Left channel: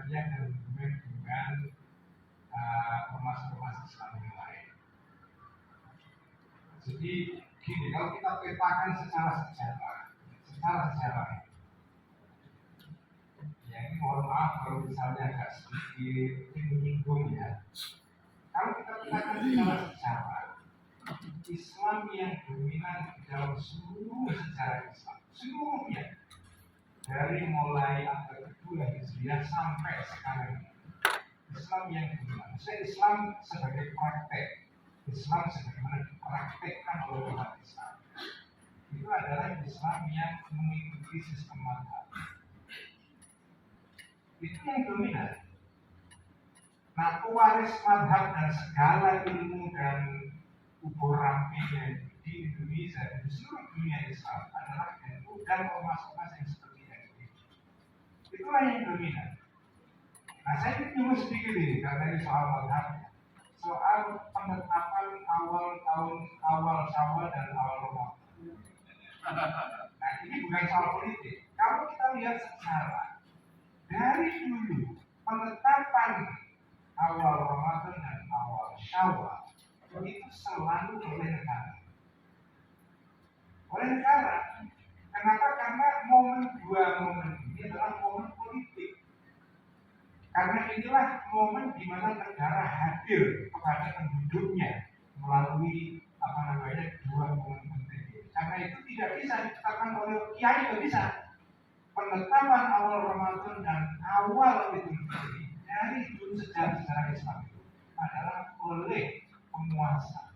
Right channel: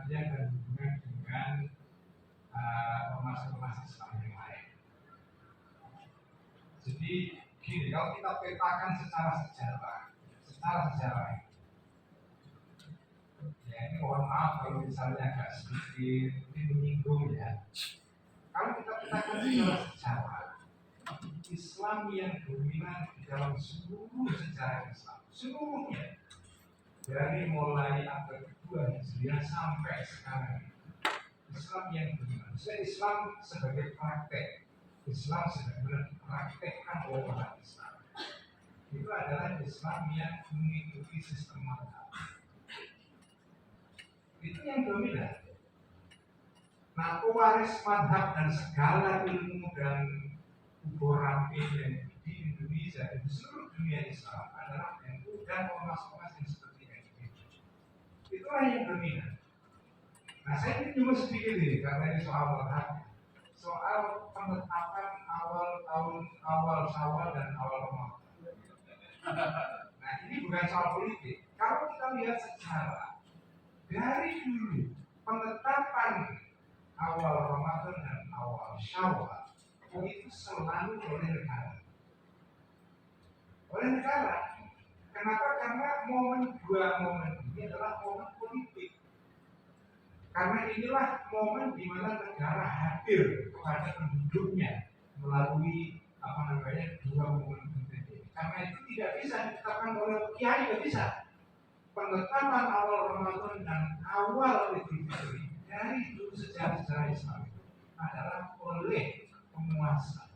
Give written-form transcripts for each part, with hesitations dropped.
Muhammadiyah dan hubungan dengan ormas-ormas Islam yang lain. Jadi gini, kalau kita petakan secara sejarah, ya ini mohon maaf kalau misalnya agak sedikit menyinggung ya. Kalau kita petakan secara sejarah, Islam yang dominan di dalam seluruh sejarah Islam, seluruhnya, dari mulai abad kedua Hijriah sampai sekarang, Islam yang dominan. Islam sebagai praktek, Islam sebagaimana dipraktekkan oleh umat Islam, itu adalah Islam yang mengikuti sistem mazhab. Itu yang dominan. Nah, pewaris mazhab dan segala ilmu dan ubur ramping di Indonesia dan di seluruh dunia Islam adalah NU dan ormas-ormas yang seperti NU. Itulah yang dominan. Nah, saya ingin nyuruh sedikit ini karena ini soal mazhab, soal penetapan awal Syawal dan awal Ramadan. Nah, ini bukan soal politik. Kalau kita lihat sejarah, dari dulu penetapan awal Ramadan dan awal Syawal itu selalu oleh negara. Kenapa? Karena dua momen ini adalah momen politik. Karena inilah momen di mana negara hadir kepada penduduknya melalui dua momen penting ini. Karena itu tidak bisa ditetapkan oleh kiai, tidak bisa. Penetapan awal Ramadan dan awal Idul Fitri dari dulu sejarah Islam itu adalah oleh penguasa.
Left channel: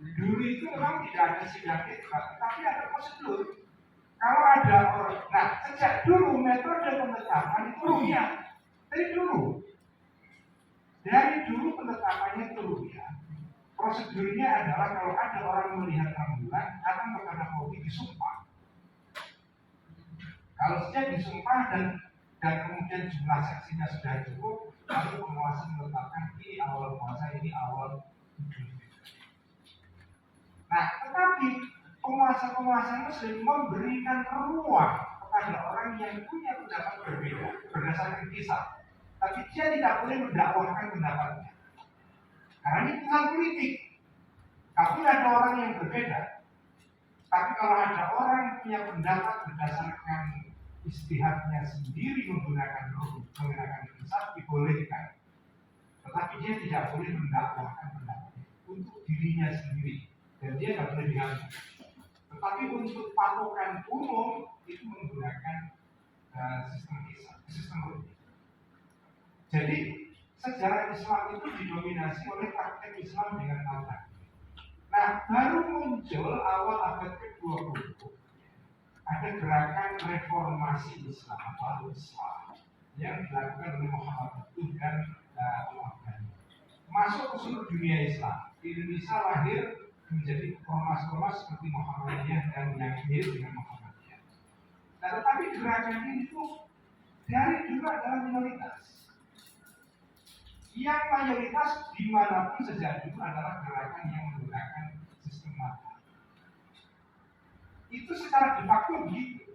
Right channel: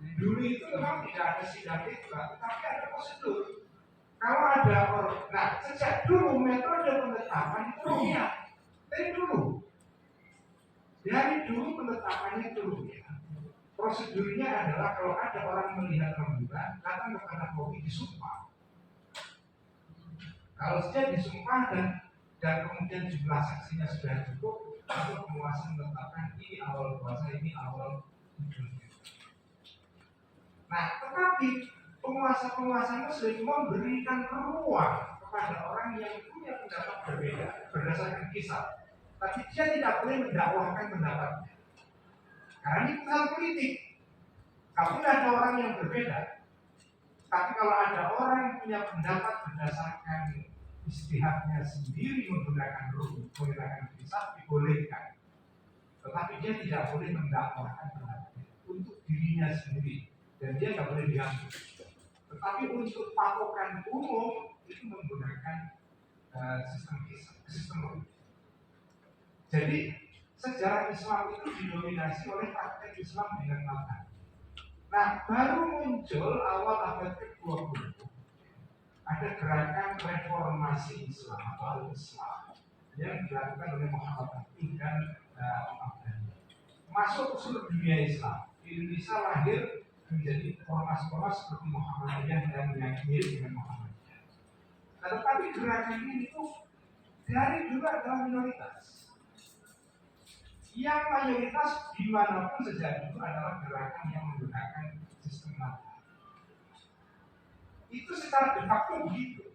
Dulu itu memang tidak ada sidang isbat, tapi ada prosedur. Kalau ada orang, nah sejak dulu metode penetapan itu rupiah. Dari dulu penetapannya itu rupiah. Prosedurnya adalah kalau ada orang melihat rembulan, datang kepada Polri disumpah. Kalau saja disumpah dan kemudian jumlah saksinya sudah cukup, lalu penguasa menetapkan ini awal puasa, ini awal Idul Fitri. Nah, tetapi penguasa-penguasa itu sering memberikan ruang kepada orang yang punya pendapat berbeda berdasarkan kisah. Tapi dia tidak boleh mendakwahkan pendapatnya. Karena ini putusan politik. Kalau ada orang yang berbeda, tapi kalau ada orang yang punya pendapat berdasarkan istihadnya sendiri menggunakan kisah dibolehkan. Tetapi dia tidak boleh mendakwahkan pendapatnya untuk dirinya sendiri. Dan dia tidak boleh diganggu. Tetapi untuk patokan umum itu menggunakan sistem politik. Jadi sejarah Islam itu didominasi oleh praktek Islam dengan mazhab. Nah, baru muncul awal abad ke-20 ada gerakan reformasi Islam atau al-Islam yang dilakukan oleh Muhammad Abduh dan Al-Afghani. Masuk ke seluruh dunia Islam. Indonesia lahir menjadi ormas-ormas seperti Muhammadiyah dan yang mirip dengan Muhammadiyah. Nah, tetapi gerakan ini tuh dari dulu adalah minoritas. Yang mayoritas dimanapun sejak dulu adalah gerakan yang menggunakan sistem mazhab. Itu secara de facto begitu.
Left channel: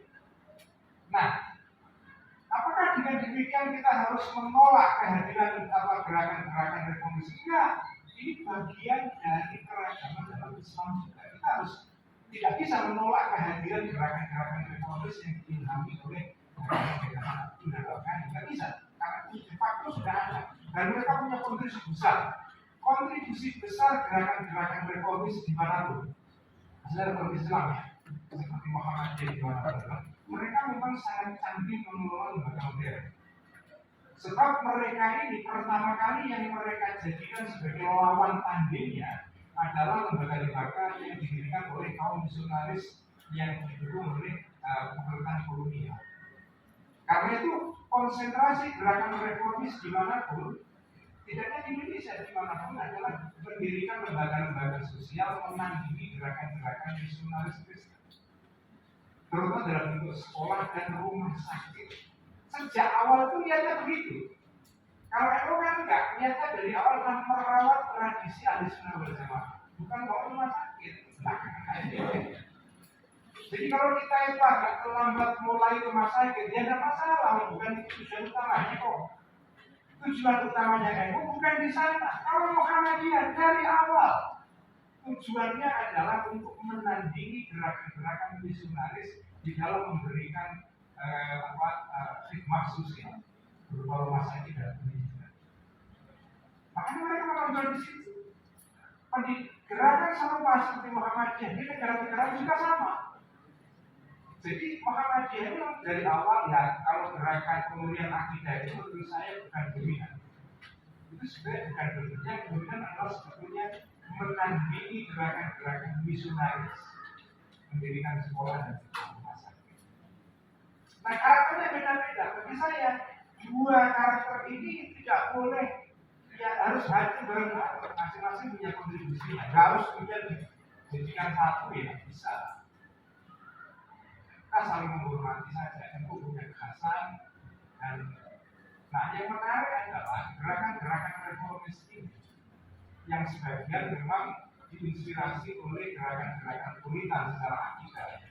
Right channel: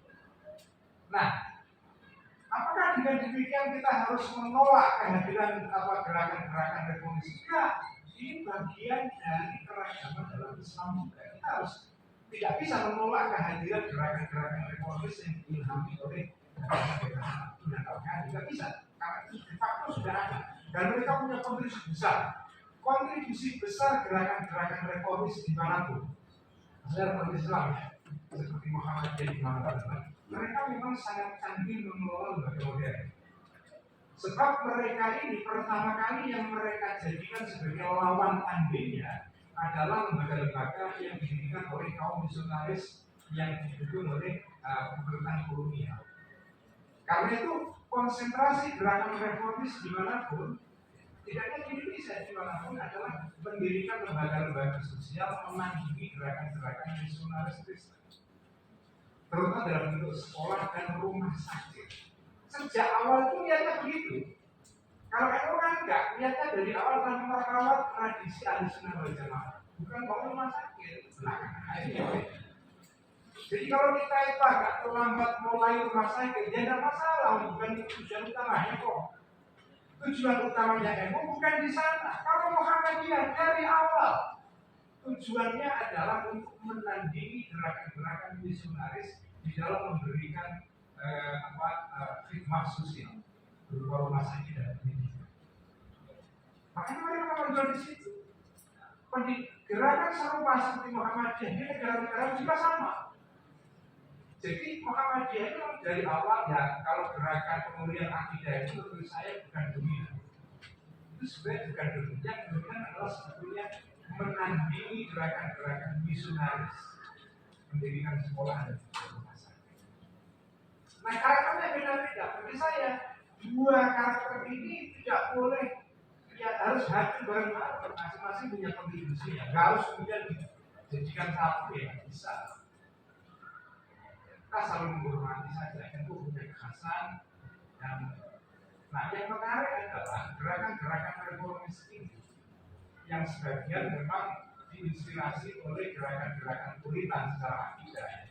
Nah, apakah dengan demikian kita harus menolak kehadiran gerakan-gerakan reformasi? Enggak. Ini bagian dari keragaman dalam Islam juga. Kita harus tidak bisa menolak kehadiran gerakan-gerakan reformis yang diilhami oleh gerakan Abdul dan Al-Ghani. Tidak bisa, karena itu de facto sudah ada. Dan mereka punya kontribusi besar gerakan-gerakan reformis dimanapun. Maksudnya reformis Islam ya, seperti Muhammadiyah di mana-mana. Mereka memang sangat canggih mengelola lembaga modern. Sebab mereka ini pertama kali yang mereka jadikan sebagai lawan tandingnya adalah lembaga-lembaga yang didirikan oleh kaum misionaris yang didukung oleh pemerintahan kolonial. Karena itu konsentrasi gerakan reformis dimanapun, tidak hanya di Indonesia, dimanapun adalah mendirikan lembaga-lembaga sosial menandingi gerakan-gerakan misionaris Kristen, terutama dalam bentuk sekolah dan rumah sakit. Sejak awal itu niatnya begitu. Kalau NU kan enggak, niatnya dari awal adalah merawat tradisi Ahlussunnah wal Jamaah, bukan bangun rumah sakit. Jadi kalau kita itu agak terlambat mulai rumah sakit, ya tidak masalah, bukan itu tujuan utamanya kok. Tujuan utamanya NU bukan di sana. Kalau Muhammadiyah dari awal tujuannya adalah untuk menandingi gerakan-gerakan misionaris di dalam memberikan khidmat sosial berupa rumah sakit dan pendidikan. Makanya mereka menonjol di situ. Gerakan serupa seperti Muhammadiyah di negara-negara juga sama. Jadi Muhammadiyah itu dari awal ya, kalau gerakan pemulihan akidah itu menurut saya bukan dominan. Itu sebenarnya bukan dominan. Yang dominan adalah sebetulnya menandingi gerakan-gerakan misionaris, mendirikan sekolah dan rumah sakit. Nah, karakternya beda-beda. Bagi saya, dua karakter ini tidak boleh, ya harus hadir bareng-bareng. Masing-masing punya kontribusinya. Gak harus kemudian dijadikan satu, ya bisa. Kita saling menghormati saja. Itu punya kekhasan. Dan nah, yang menarik adalah gerakan-gerakan reformis ini yang sebagian memang diinspirasi oleh gerakan-gerakan Puritan secara akidah,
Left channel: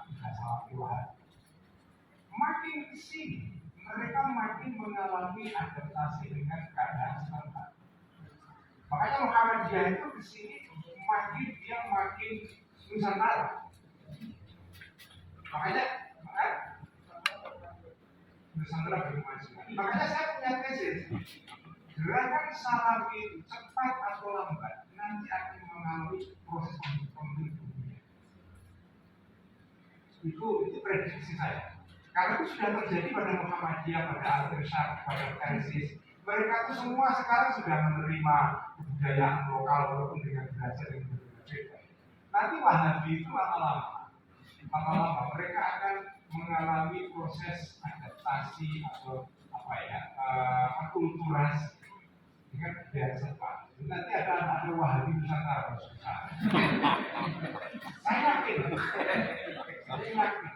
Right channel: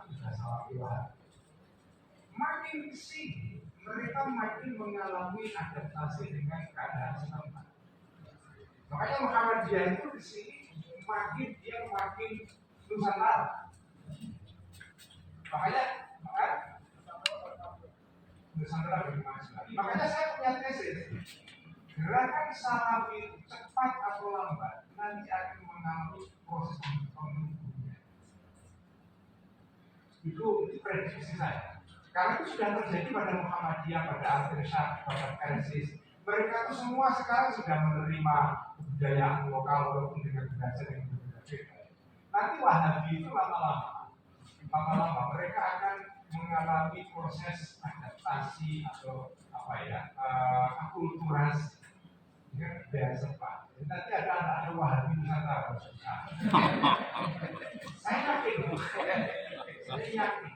akidah Salafi. Makin kesini mereka makin mengalami adaptasi dengan keadaan setempat. Makanya Muhammadiyah itu kesini makin Nusantara. Makanya Nusantara bermaju lagi. Makanya saya punya tesis. Gerakan Salafi itu cepat atau lambat nanti akan mengalami proses pembentukannya. Itu prediksi saya. Karena itu sudah terjadi pada Muhammadiyah, pada Al-Irsyad, pada Persis. Mereka itu semua sekarang sudah menerima kebudayaan lokal walaupun dengan bahasa yang berbeda-beda. Nanti Wahabi itu lama-lama mereka akan mengalami proses adaptasi atau akulturasi dengan budaya setempat. Nanti ada Wahabi Nusantara susah. Saya yakin.